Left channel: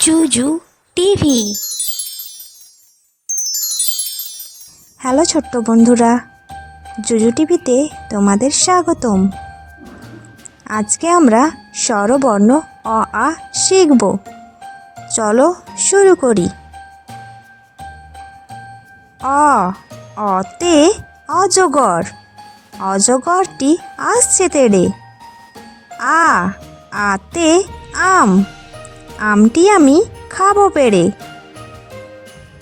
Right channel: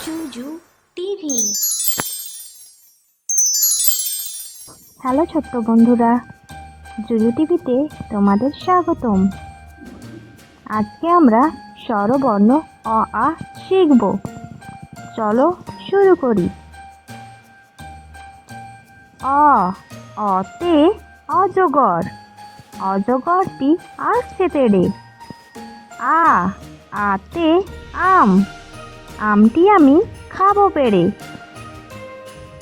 জুজু TV. Hello ছোট্ট বন্ধুরা, জুজু টিভিতে তোমাদের স্বাগতম। আজকে আমরা স্বরবর্ণ অ আ শিখব। চলো শুরু করি। অ, অতে অজগর, অজগরটি আসছে তেড়ে। আ, আতে আম, আমটি আমি খাবো পেড়ে।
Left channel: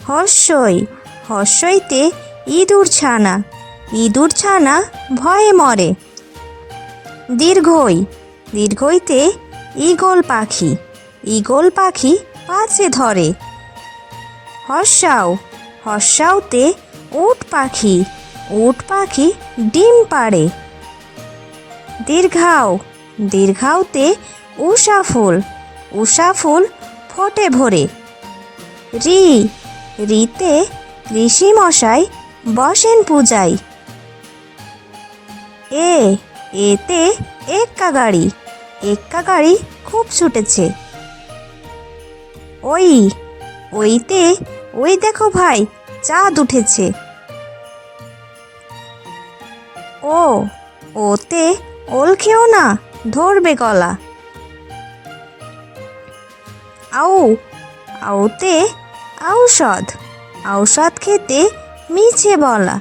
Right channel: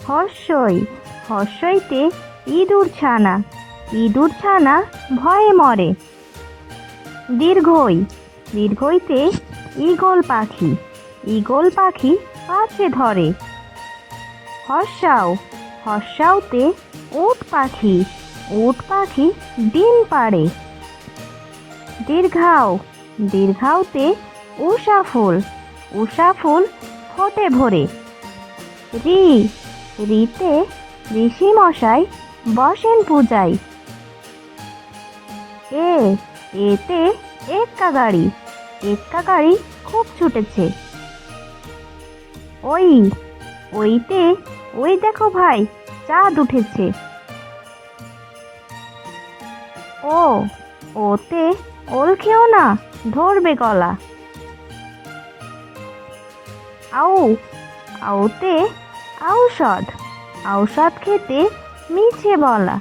হর্ষই, হর্ষইতে ইঁদুর ছানা, ইঁদুর ছানা ভয়ে মরে। দীর্ঘই, দীর্ঘইতে ঈগল পাখি, ঈগল পাখি পাছে ধরে। হর্ষাও, হর্ষাওতে উট পাখি, উট পাখি ডিম পাড়ে। দীর্ঘাও, দীর্ঘাওতে উষা ফুল, উষা ফুল ফোটে ভরে। রি, রিতে ঋষি মশাই বসেন পূজায়। এ, এতে এক্কা গাড়ি, এক্কা গাড়ি খুব ছুটেছে। ওই, ওইতে ওই দেখো ভাই চাঁদ উঠেছে। ও, ওতে ওল খেও না ধরবে গলা। আউ, আউতে ঔষধ, ঔষধ খেতে মিছে বলা।